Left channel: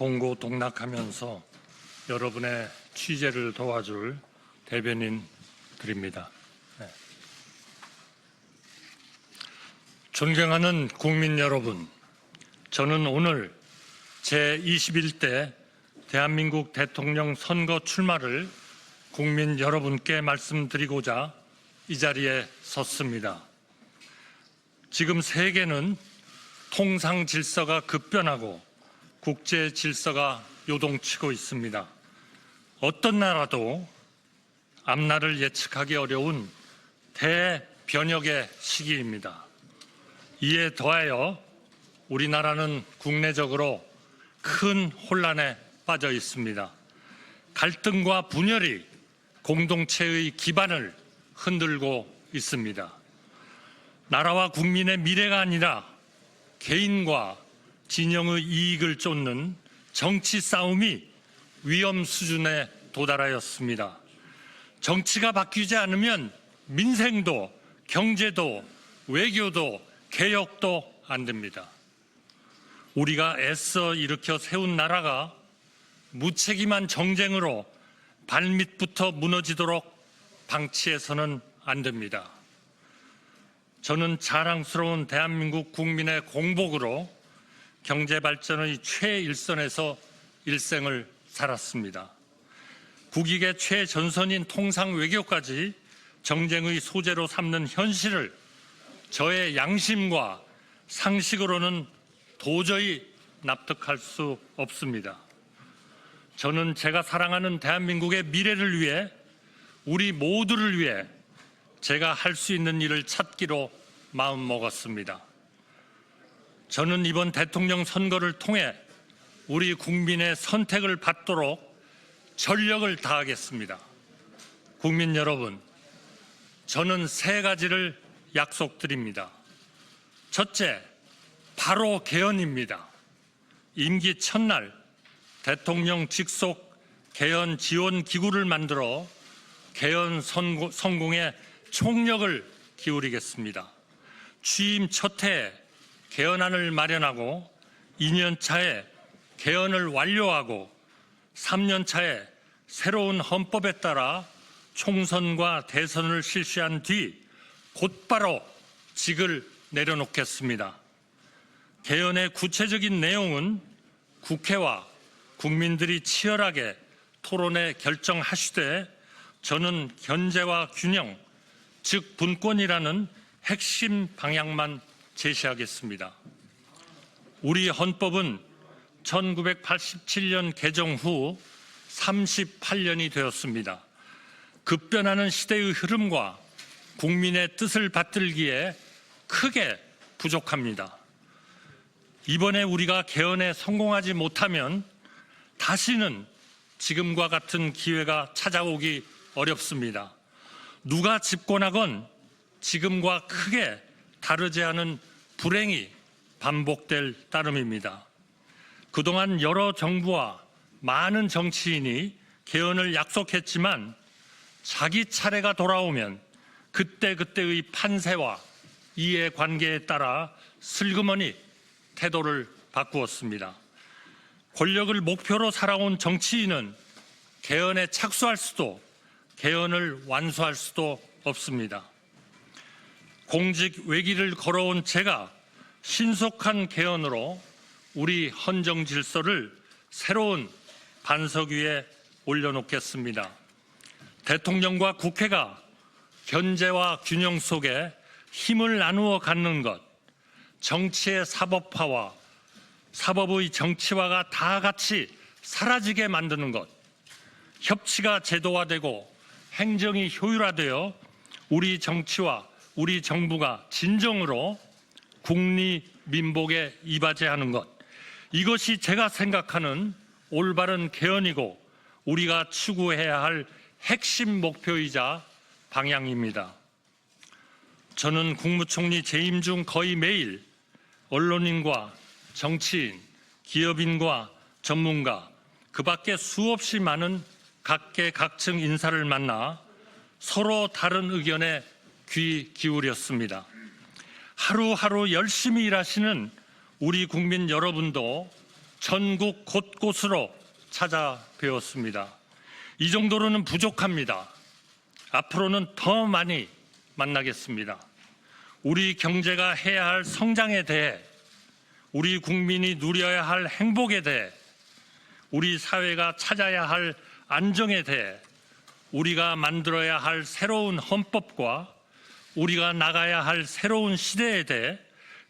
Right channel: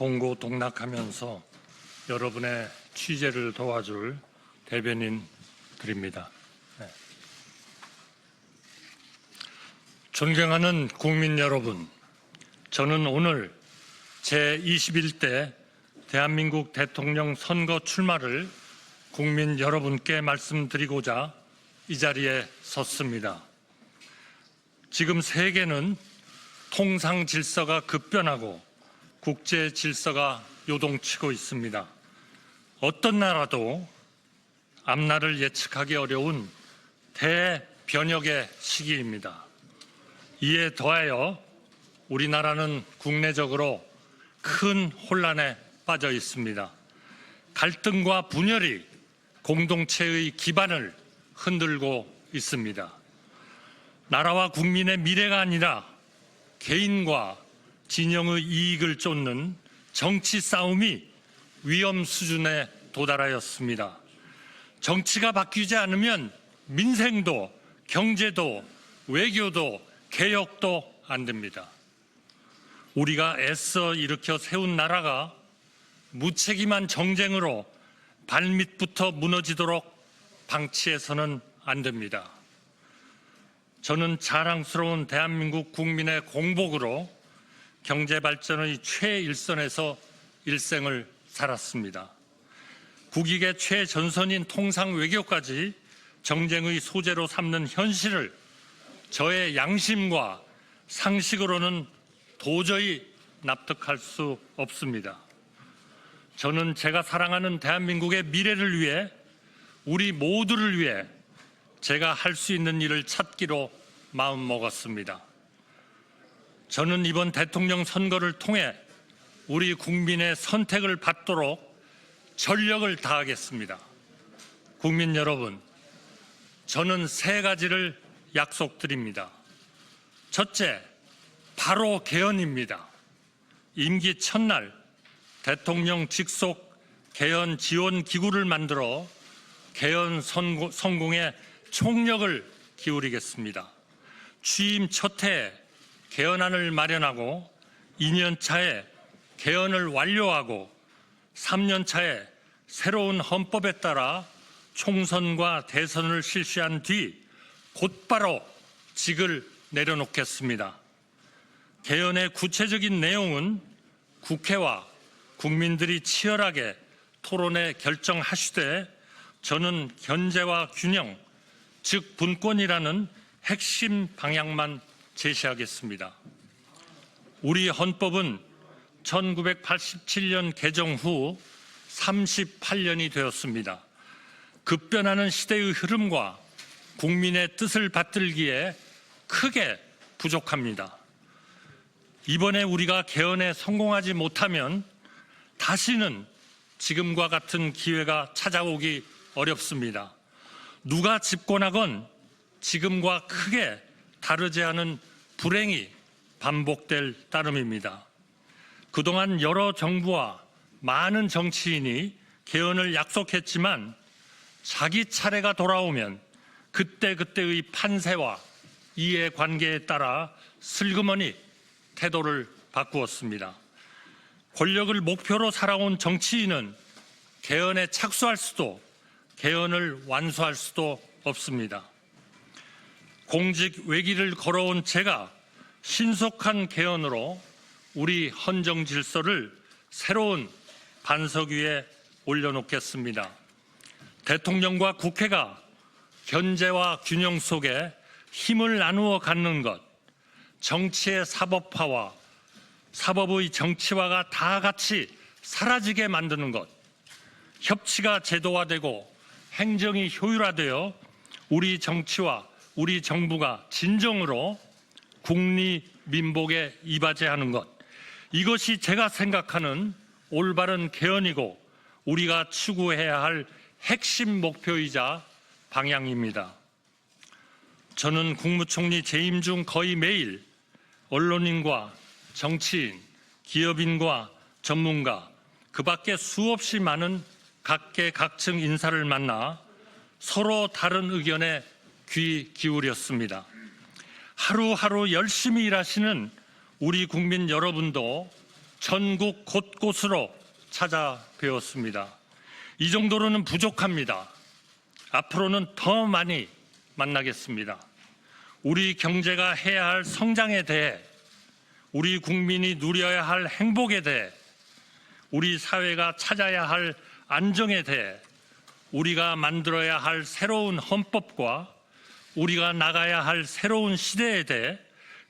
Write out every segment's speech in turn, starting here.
동고동락하면서 여러분의 취재를 도와줄 대변인 드립니다. 존경하는 국민 여러분, 저는 오늘 제21대 대한민국 대통령 선거 출마를 국민 여러분께 말씀드리고자 이 자리에 섰습니다. 지금 세계는 통상 질서가 급변하고 국제 질서가 요동치고 있습니다. 어떤 나라도 앞날을 예측하기 어려운 대변혁의 시기입니다. 이에 더하여 우리나라는 국내적으로 큰 혼란에 빠져 있습니다. 갈등과 분열이 공동체의 기반을 흔들고 있습니다. 나라와 국민의 미래가 아니라 개인과 진영의 이익을 쫓는 정치 싸움이 위험 수준에 도달하였습니다. 정치가 바뀌지 않으면 민생도 경제도 외교도 개혁도 안 됩니다. 우리가 애써 일으켜 세운 나라가 무책임한 정쟁으로 발밑부터 무너지도록 방치해서는 안 됩니다. 저는 자랑스러운 대한민국 국민의 공복으로 경제발전의 최일선에서 일생을 살았습니다. 국익의 최전선인 통상외교까지 정쟁의 소재로 삼는 현실을 저의 양심과 상식으로는 도저히 납득할 수 없습니다. 저는 제가 사랑하는 대한민국의 미래를 위해, 우리 모두를 위해 제가 할 수 있는 일을 찾기로 마음먹었습니다. 저는 이번 대통령 선거를 통해 우리 국민의 선택을 받도록 전력을 다하겠습니다. 국민 여러분, 저는 3가지를 약속드립니다. 첫째, 바로 개헌입니다. 임기 첫날 대통령 직속 개헌 지원 기구를 만들어 개헌 성공에 총력을 기울이겠습니다. 취임 첫 해에 개헌안을 마련하고 2년 차에 개헌을 완료하고 3년 차에 새로운 헌법에 따라 총선과 대선을 실시한 뒤 곧바로 직을 내려놓겠습니다. 개헌의 구체적인 내용은 국회와 국민들이 치열하게 토론해 결정하시되 저는 견제와 균형, 즉 분권이라는 핵심 방향만 제시하겠습니다. 우리 헌법은 1987년 개정 후 38년이 되었습니다. 급변하는 시대의 흐름과 국민의 뜻을 받들기에 크게 부족합니다. 이번에 우리가 개헌에 성공하지 못하면 다시는 지금과 같은 기회가 찾아오기 어렵습니다. 누가 집권하건 지금과 크게 다르지 않은 불행이 반복될 따름입니다. 그동안 여러 정부와 많은 정치인이 개헌을 약속했지만 자기 차례가 돌아오면 그때그때의 판세와 이해관계에 따라 슬그머니 태도를 바꾸었습니다. 권력을 목표로 살아온 정치인은 개헌에 착수할 수도 개헌을 완수할 수도 없습니다. 공직 외길을 걸어온 제가 신속한 개헌으로 우리 헌정 질서를 새로운 반석 위에 올려놓겠습니다. 대통령과 국회가 견제와 균형 속에 힘을 나누어 갖는 것, 정치의 사법화와 사법의 정치화가 다 같이 사라지게 만드는 것, 협치가 제도화되고 행정이 효율화되어 우리 정치와 우리 정부가 진정으로 국리민복에 이바지하는 것, 이것이 제가 생각하는 올바른 개헌이고 우리가 추구해야 할 핵심 목표이자 방향입니다. 저는 국무총리 재임 중 거의 매일 언론인과 정치인, 기업인과 전문가, 그 밖에 수없이 많은 각계각층 인사를 만나 서로 다른 의견에 귀 기울였습니다. 하루하루 열심히 일하시는 우리 국민 여러분도 전국 곳곳으로 찾아뵈었습니다. 이 정도로는 부족합니다. 앞으로는 더 많이 만나겠습니다. 우리 경제가 해야 할 성장에 대해, 우리 국민이 누려야 할 행복에 대해, 우리 사회가 찾아야 할 안정에 대해, 우리가 만들어야 할 새로운 헌법과 우리가 나가야 할 새로운 시대에 대해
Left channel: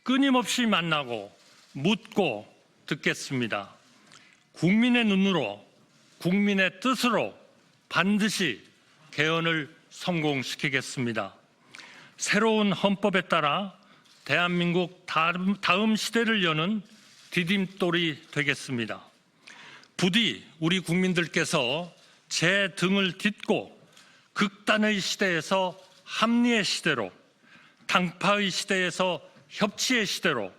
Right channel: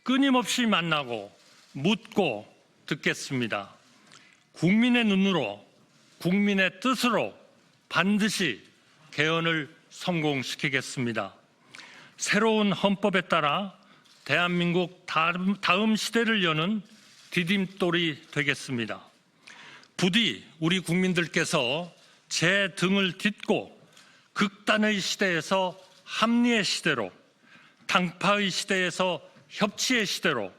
끊임없이 만나고 묻고 듣겠습니다. 국민의 눈으로, 국민의 뜻으로 반드시 개헌을 성공시키겠습니다. 새로운 헌법에 따라 대한민국 다음 시대를 여는 디딤돌이 되겠습니다. 부디 우리 국민들께서 제 등을 딛고 극단의 시대에서 합리의 시대로, 당파의 시대에서 협치의 시대로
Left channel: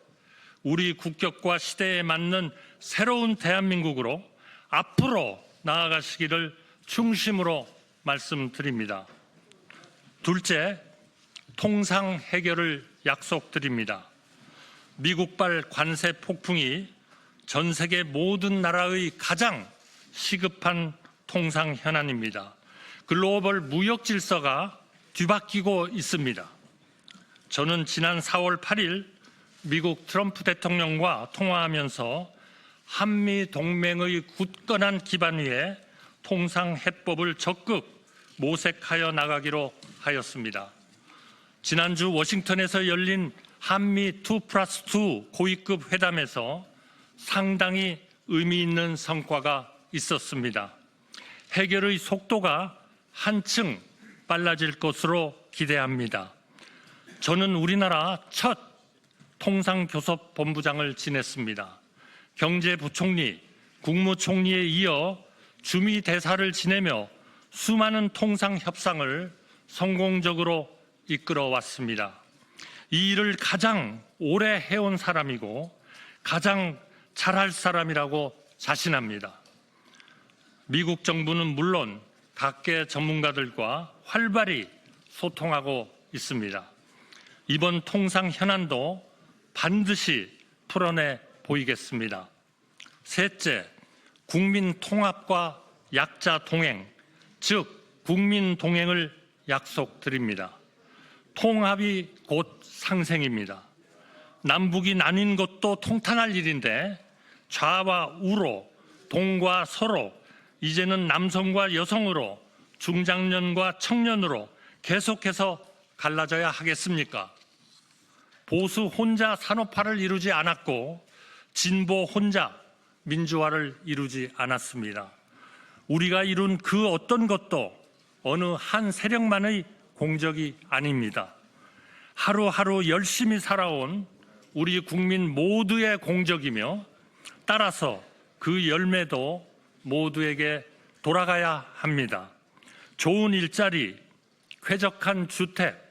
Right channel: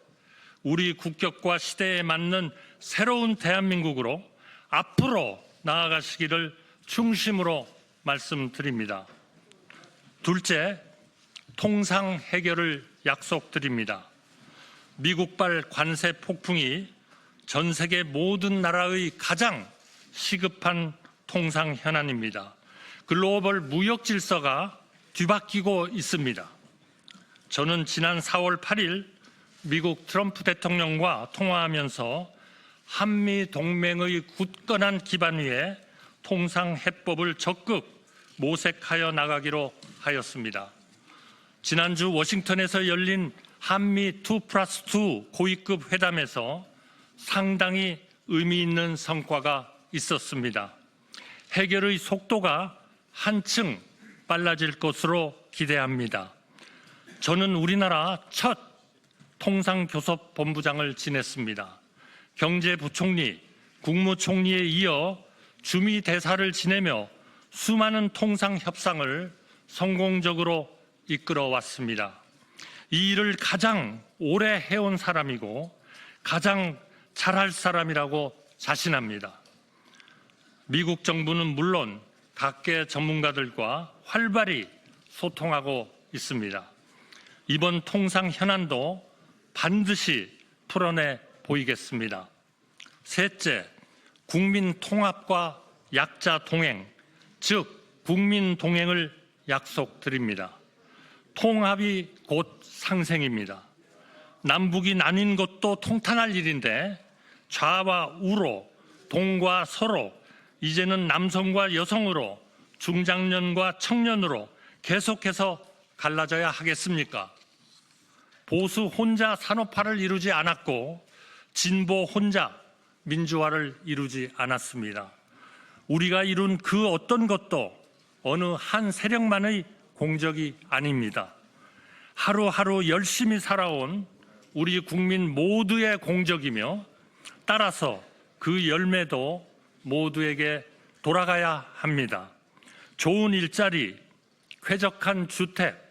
우리 국격과 시대에 맞는 새로운 대한민국으로 앞으로 나아가시기를 중심으로 말씀드립니다. 둘째, 통상 해결을 약속드립니다. 미국발 관세 폭풍이 전 세계 모든 나라의 가장 시급한 통상 현안입니다. 글로벌 무역 질서가 뒤바뀌고 있습니다. 저는 지난 4월 8일 미국 트럼프 대통령과 통화하면서 한미 동맹의 굳건한 기반 위에 통상 해법을 적극 모색하여 나가기로 하였습니다. 지난주 워싱턴에서 열린 한미 2+2 고위급 회담에서 상당히 의미 있는 성과가 있었습니다. 해결의 속도가 한층 빨라질 것으로 기대합니다. 저는 우리나라 첫 통상교섭본부장을 지냈습니다. 경제부총리, 국무총리에 이어 주미대사를 지내며 수많은 통상협상을 성공적으로 이끌어왔습니다. 이 일을 가장 오래 해온 사람이고 가장 잘할 사람이라고 자신합니다. 미국 정부는 물론 각계 전문가들과 활발히 소통하고 있습니다. 이번 통상 현안도 반드시 풀어내 보이겠습니다. 셋째, 국민 통합과 약자 동행, 즉 국민 동행을 약속드립니다. 통합이 곧 상생입니다. 남북이 나뉜 것도 통탄할 일인데 좌와 우로, 동과 서로, 이제는 남성과 여성으로, 중장년과 청년으로 계속해서 갈라져야 하겠습니까? 보수 혼자 산업화를 이루지 않았고 진보 혼자 민주화를 이루지 않았습니다. 우리가 이룬 그 어떤 것도 어느 한 세력만의 공적이 아닙니다. 하루하루 열심히 살아온 우리 국민 모두의 공적이며 따라서 그 열매도 모두에게 돌아가야 합니다. 좋은 일자리, 쾌적한 주택,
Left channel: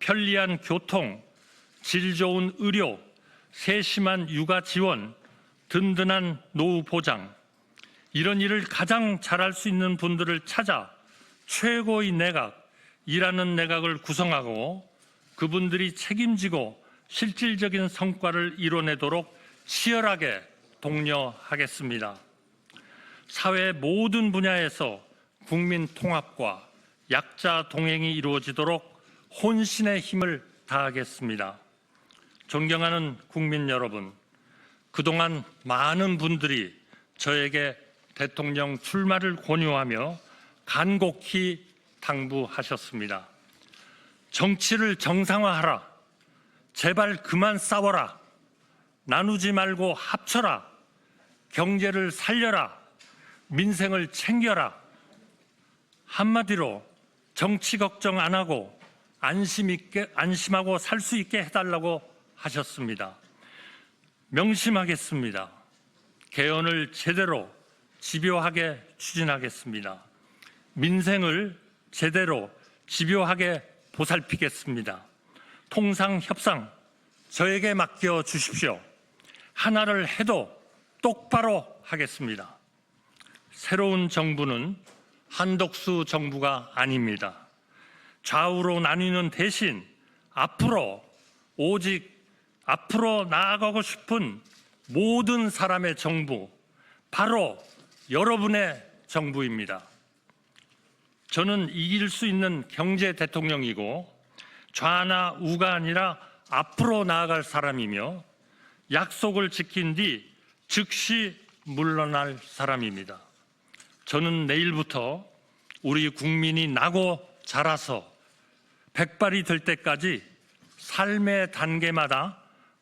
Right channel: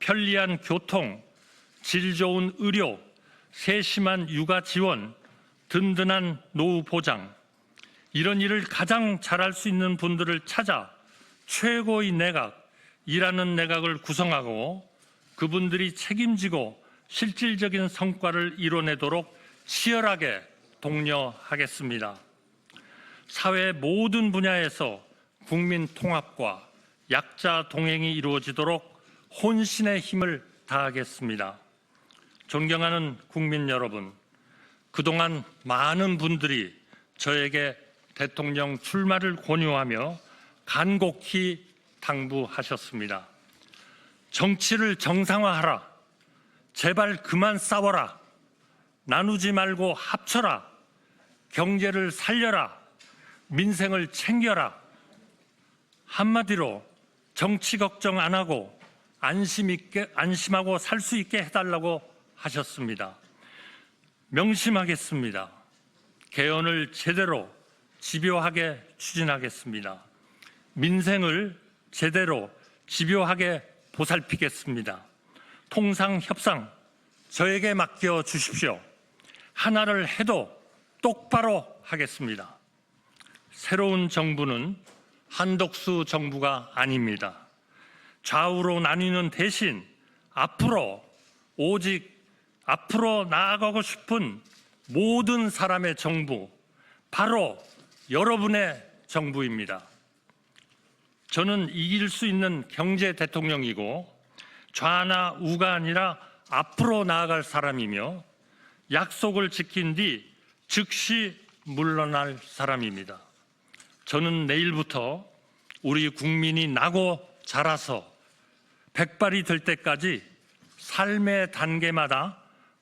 편리한 교통, 질 좋은 의료, 세심한 육아 지원, 든든한 노후 보장, 이런 일을 가장 잘할 수 있는 분들을 찾아 최고의 내각, 일하는 내각을 구성하고 그분들이 책임지고 실질적인 성과를 이뤄내도록 치열하게 독려하겠습니다. 사회 모든 분야에서 국민 통합과 약자 동행이 이루어지도록 혼신의 힘을 다하겠습니다. 존경하는 국민 여러분, 그동안 많은 분들이 저에게 대통령 출마를 권유하며 간곡히 당부하셨습니다. 정치를 정상화하라. 제발 그만 싸워라. 나누지 말고 합쳐라. 경제를 살려라. 민생을 챙겨라. 한마디로 정치 걱정 안 하고 안심하고 살 수 있게 해달라고 하셨습니다. 명심하겠습니다. 개헌을 제대로 집요하게 추진하겠습니다. 민생을 제대로 집요하게 보살피겠습니다. 통상협상 저에게 맡겨주십시오. 하나를 해도 똑바로 하겠습니다. 새로운 정부는 한독수 정부가 아닙니다. 좌우로 나뉘는 대신 앞으로 나아가고 싶은 모든 사람의 정부, 바로 여러분의 정부입니다. 저는 이길 수 있는 경제 대통령이고 좌나 우가 아니라 앞으로 나아갈 사람이며 약속을 지킨 뒤 즉시 물러날 사람입니다. 저는 내일부터 우리 국민이 나고 자라서 백발이 될 때까지 삶의 단계마다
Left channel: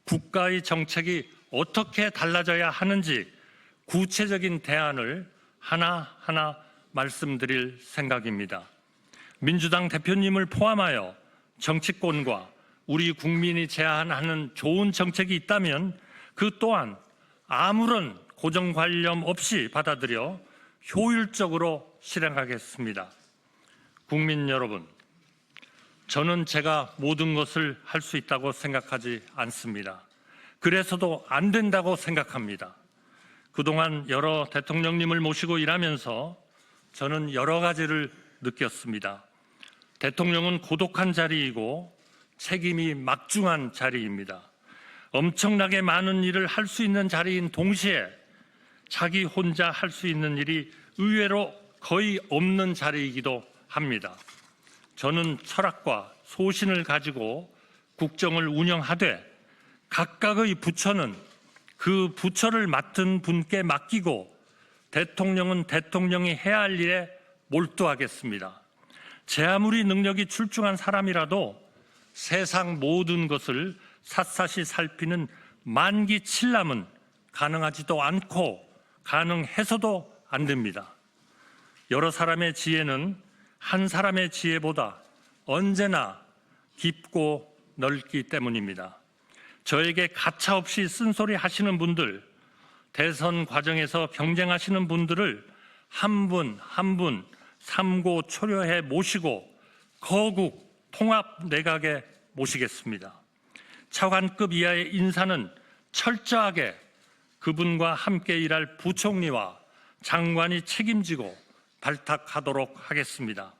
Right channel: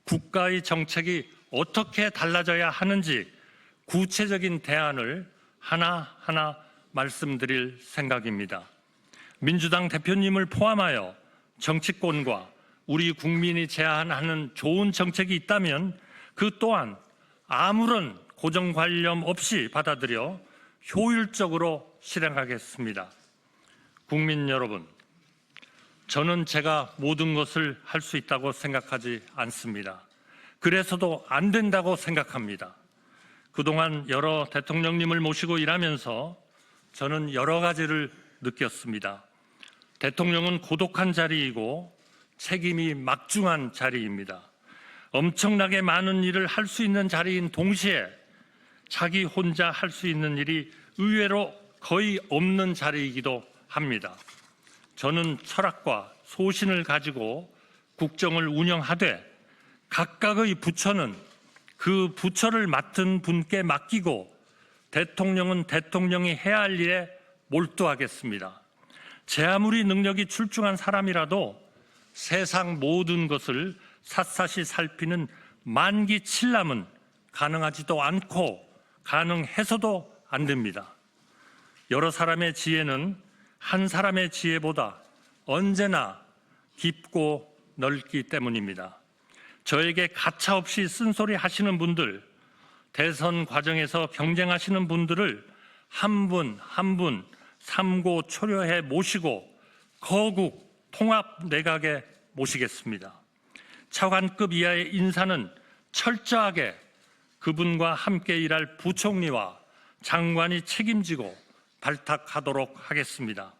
국가의 정책이 어떻게 달라져야 하는지 구체적인 대안을 하나하나 말씀드릴 생각입니다. 민주당 대표님을 포함하여 정치권과 우리 국민이 제안하는 좋은 정책이 있다면 그 또한 아무런 고정관념 없이 받아들여 효율적으로 실행하겠습니다. 국민 여러분, 저는 제가 모든 것을 할 수 있다고 생각하지 않습니다. 그래서도 안 된다고 생각합니다. 그동안 여러 대통령님을 모시고 일하면서 저는 여러 가지를 느꼈습니다. 대통령은 고독한 자리이고 책임이 막중한 자리입니다. 엄청나게 많은 일을 할 수 있는 자리인 동시에 자기 혼자 할 수 있는 일이 의외로 거의 없는 자리이기도 합니다. 저는 철학과 소신을 가지고 국정을 운영하되 각각의 부처는 그 부처를 맡은 분께 맡기고 대통령은 대통령이 해야 할 일에 몰두하겠습니다. 제 아무리 능력이 출중한 사람이라도 세상 모든 것을 샅샅이 살피는 만기칠람은 가능하지도 않고 가능해서도 안 됩니다. 여러 사람의 지혜는 한 사람의 지혜보다 언제나 깊고 넓기 때문입니다. 저에게 가차없이 쓴소리 하시는 분들, 대선 과정에서 경쟁하시는 분들을 한 분 한 분 삼고 초려해 모시고 거국 통합 내각에 모시겠습니다. 차관급 이하의 인사는 철저하게 그분과 함께 일할 부총리와 장관이 책임지고 발탁하도록 하겠습니다.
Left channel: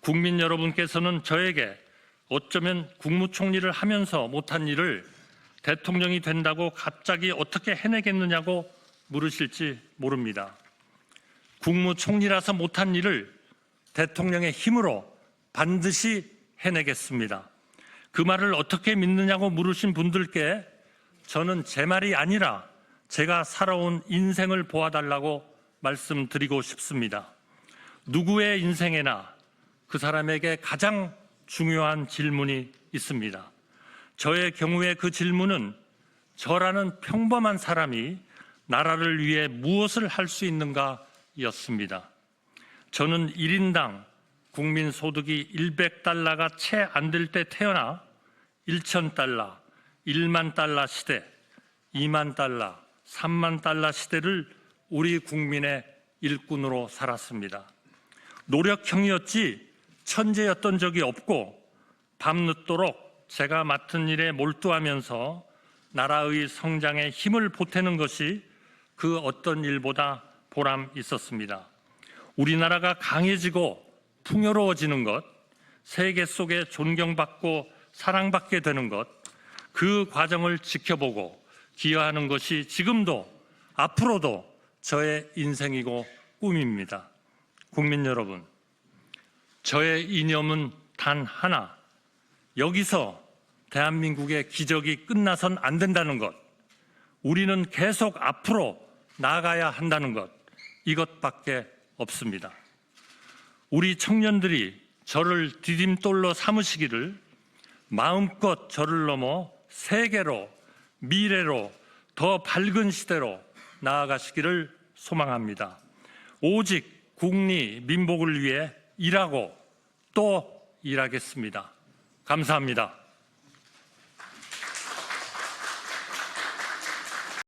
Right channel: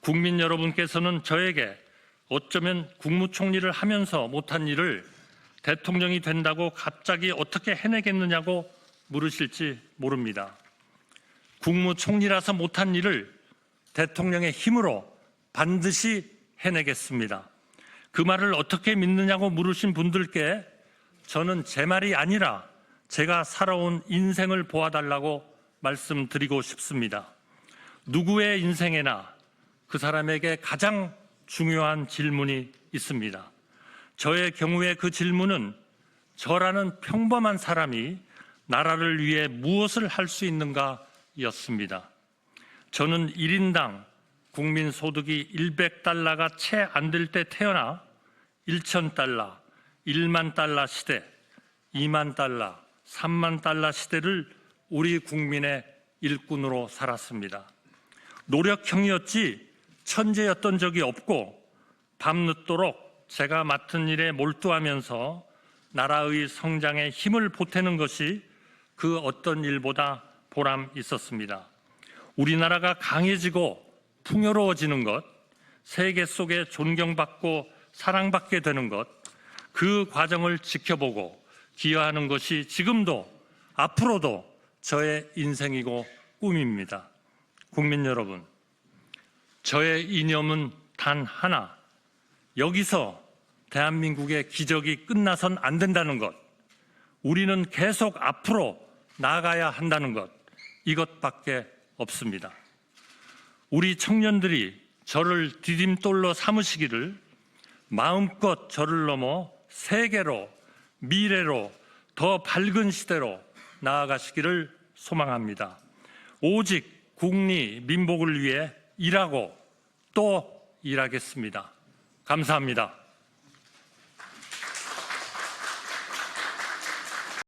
국민 여러분께서는 저에게 어쩌면 국무총리를 하면서 못한 일을 대통령이 된다고 갑자기 어떻게 해내겠느냐고 물으실지 모릅니다. 국무총리라서 못한 일을 대통령의 힘으로 반드시 해내겠습니다. 그 말을 어떻게 믿느냐고 물으신 분들께 저는 제 말이 아니라 제가 살아온 인생을 보아달라고 말씀드리고 싶습니다. 누구의 인생에나 그 사람에게 가장 중요한 질문이 있습니다. 저의 경우에 그 질문은 저라는 평범한 사람이 나라를 위해 무엇을 할 수 있는가 였습니다. 저는 1인당 국민소득이 100달러가 채 안 될 때 태어나 1,000달러, 1만 달러 시대, 2만 달러, 3만 달러 시대를 우리 국민의 일꾼으로 살았습니다. 노력형이었지 천재였던 적이 없고 밤늦도록 제가 맡은 일에 몰두하면서 나라의 성장에 힘을 보태는 것이 그 어떤 일보다 보람 있었습니다. 우리나라가 강해지고 풍요로워지는 것, 세계 속에 존경받고 사랑받게 되는 것, 그 과정을 지켜보고 기여하는 것이 지금도 앞으로도 저의 인생이고 꿈입니다. 국민 여러분, 저의 이념은 단 하나, 여기서 대한민국의 기적이 끝나선 안 된다는 것, 우리는 계속 앞으로 나아가야 한다는 것, 이것밖에 없습니다. 우리 청년들이 저를 디딤돌로 삼으시기를 마음껏 저를 넘어 세계로, 미래로, 더 밝은 시대로 나아가시기를 소망합니다. 오직 국리, 민복을 위해 일하고 또 일하겠습니다. 감사합니다.